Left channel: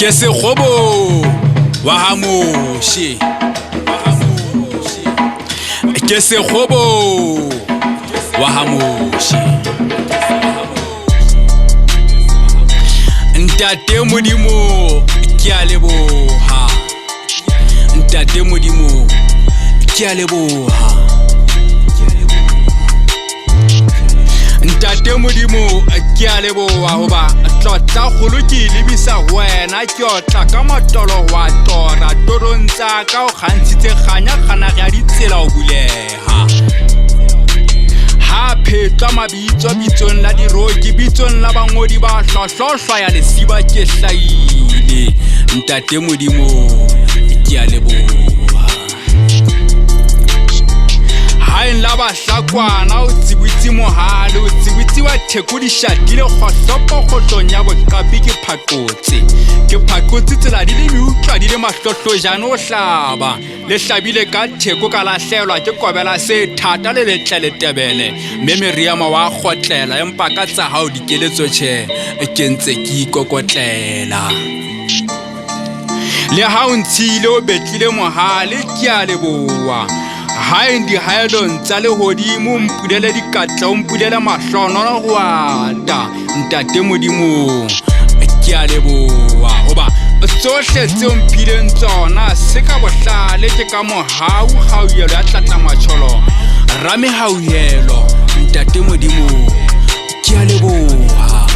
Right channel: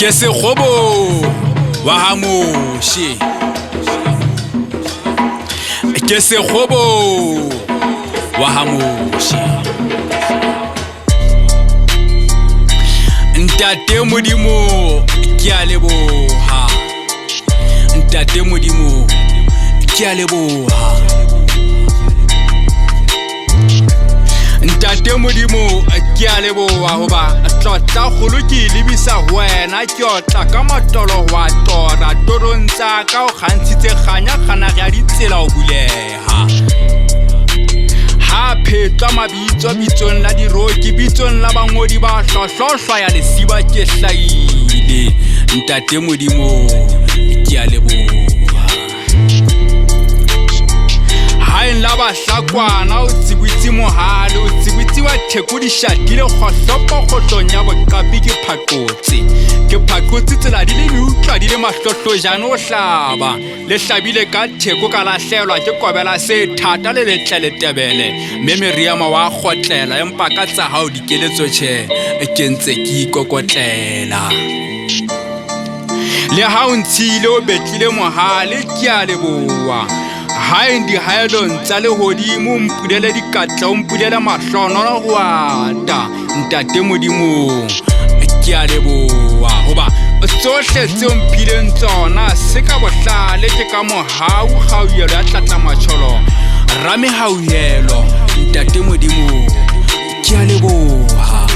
ke sekgobo wa hamoshi ke sekgobo wa hamoshi ntate modimo ke a leboha ntate modimo ke a leboha ntate modimo ke a leboha hoba tlotla kholo ke lebisa wena ke otla ka matolo wa tora torontsha ka o khantshitse khanya khana ga ditsela o buleha ha phetwa mabitso bitsong la diroki bitsong la bangodi ba hlohlohlwa ya lesiba ke hlaile ntate modimo ke a leboha hain la ba hlakwana o tsibutsi mohale o tsibutsi wa thekudishatile khohlopo khohlonya bokapi ke phakotse tsela di le miutlwa di le mahlohlojana o hlaba le hlabile ka theko ka lahlelwa ke kobela se thata le letlele tebele memeriama wa khotlela empa ka tsa hao dikeletso tshe ke ntse ke ikokotlela le ha o ntshile o betlile mohale ke a leboha haindi haelon tsa le hodimo mpudele dikatla o mpudele mahlono go ata ntate modimo ke a leboha hoba tsohle tse o mphileng tsona se ka bohlale ke ka mohau kgauyelo ya tlatla matsholo rame hauhelo ntate modimo ke a leboha